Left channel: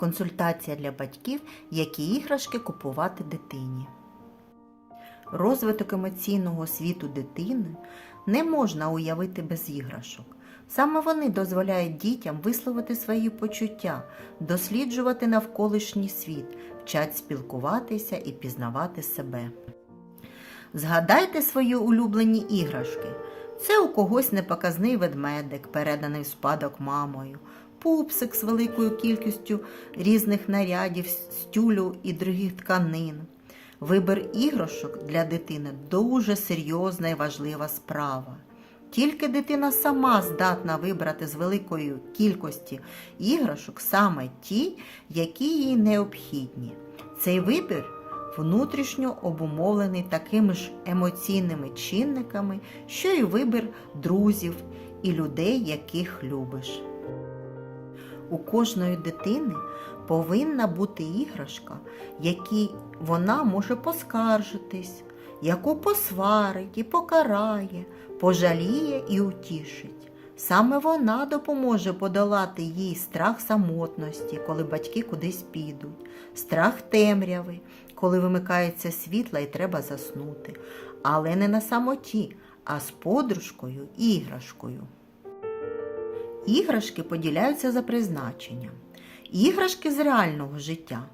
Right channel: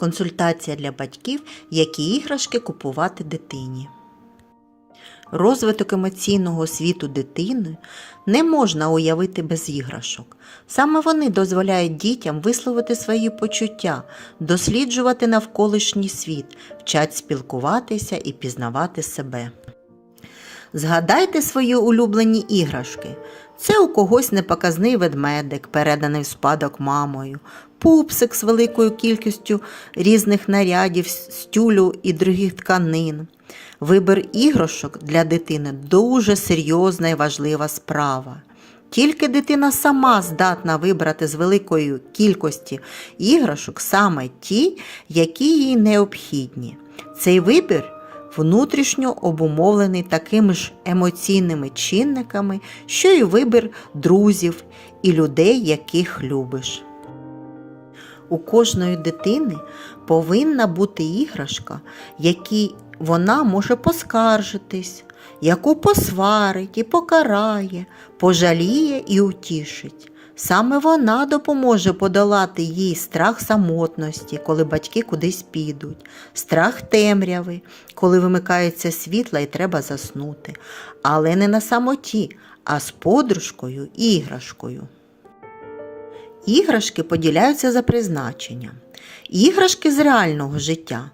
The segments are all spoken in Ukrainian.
Консультація для батьків, які іграшки купувати дитині. Розвиток емоційного світу дитини не можна уявити без іграшок. Саме вони дозволяють дітям висловити свої почуття, досліджувати навколишній світ, вчать спілкуватися і пізнавати себе. Згадайте свої улюблені іграшки. Це у когось непоказний ведмедик, переданий в спадок мамою, пупсик з великою кількістю різних нарядів, з тюлю і других тканин. Вибір іграшок для дитини дуже серйозна і важлива справа. Тільки дитина сама здатна вибрати з великої кількості іграшок саме ті, які їй необхідні. Цей вибір внутрішньо обумовлений такими ж емоційними чинниками, що й вибір друзів і людей, яких любиш. У кожної дитини повинна бути іграшка, якій вона може поскаржитись, яку посварить і покарає, пожаліє і утішить. Саме вона допоможе подолати їй страх самотності, коли батьки кудись підуть, страх темряви, коли вимикається світла і треба заснути, але не на самоті, а з подружкою і іграшкою. Іграшки поділяються за призначенням. Іграшки з реального життя.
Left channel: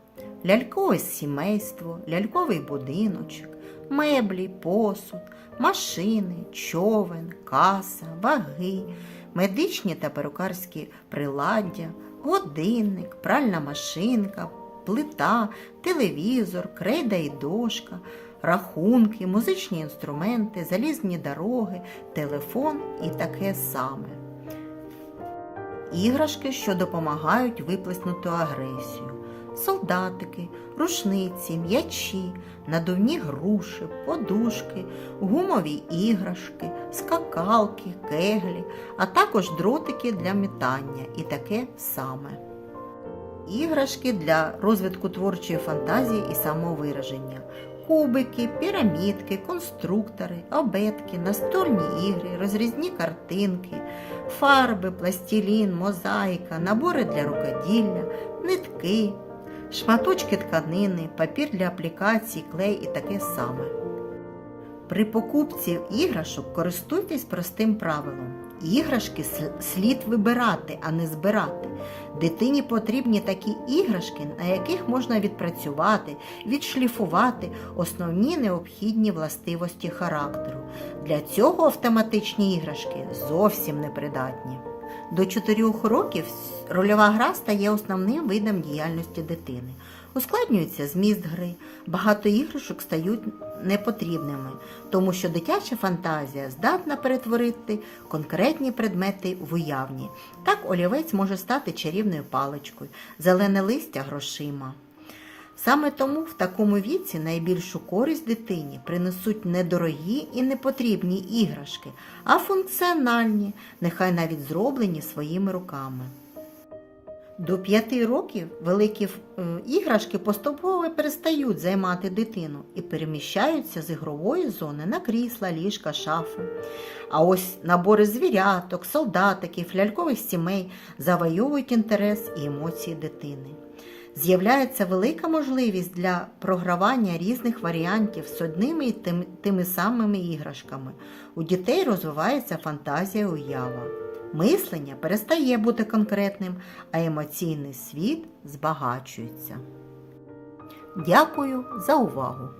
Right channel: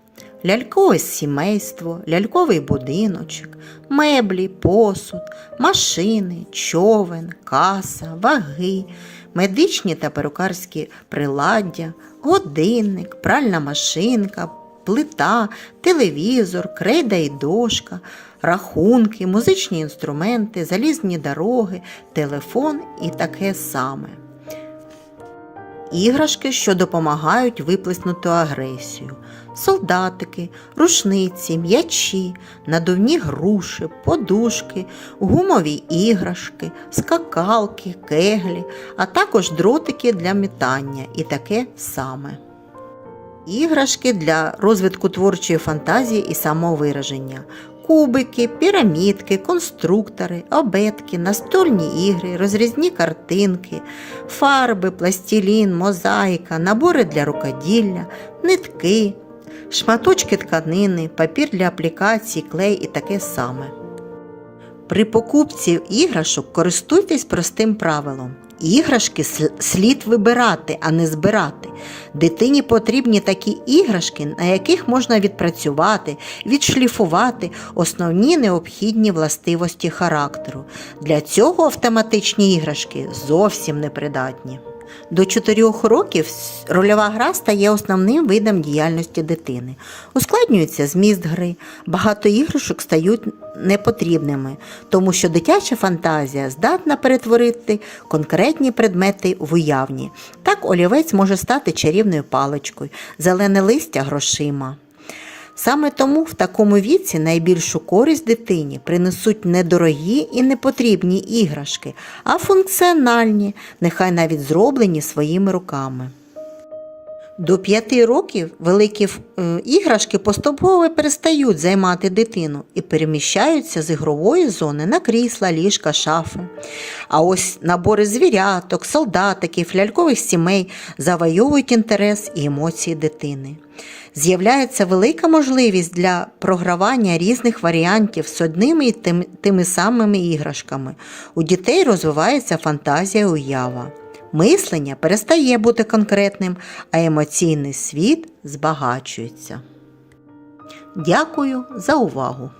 Лялькове сімейство, ляльковий будиночок, меблі, посуд, машини, човен, каса, ваги, медичні та перукарські приладдя, годинник, пральна машинка, плита, телевізор, крейда і дошка, рахунки, музичні інструменти, залізні дороги, телефон і таке саме. Іграшки, що допомагають виплеснути агресію. Солдатики, рушниці, м'ячі, надувні груші, подушки, гумові іграшки, скакалки, кеглі, а також дротики для метання і таке саме. Іграшки для розвитку творчої фантазії і самовираження. Кубики, пірамідки, конструктори, обетки, настольні ігри, розрізні картинки, фарби, пластилін, мозаїка, набори для рукоділля, нитки, шматочки тканини, папір для аплікацій, клей і таке саме. При покупці іграшок користуйтесь простим правилом. Іграшки слід вибирати, а не збирати. Дитині потрібні такі іграшки, на яких можна відпрацювати, відшліфувати основні необхідні властивості характеру. Для цього автоматичні іграшки зовсім непридатні. До 4 років рольова гра стає основним видом діяльності дитини. Ускладнюється зміст гри, багато іграшок стають непотрібними, тому що дитяча фантазія здатна перетворити конкретні предмети в уявні. Так олівець може стати чарівною паличкою, зелене листя грошима. Саме тому в такому віці найбільшу користь дитині принесуть не дорогі і непотрібні іграшки, а функціональні, нехай навіть зроблені своїми руками. До п'яти років великі е, іграшки поступово перестають займати дитину і переміщаються з ігрової зони на крісла, ліжка, шафи. А ось набори звіряток, солдатиків, лялькових сімей завойовують інтерес і емоції дитини. З'являється велика можливість для програвання різних варіантів з одними і тим, тими самими іграшками. У дітей розвивається фантазія уява. Мислення перестає бути конкретним, а емоційний світ збагачується. Дякую за увагу!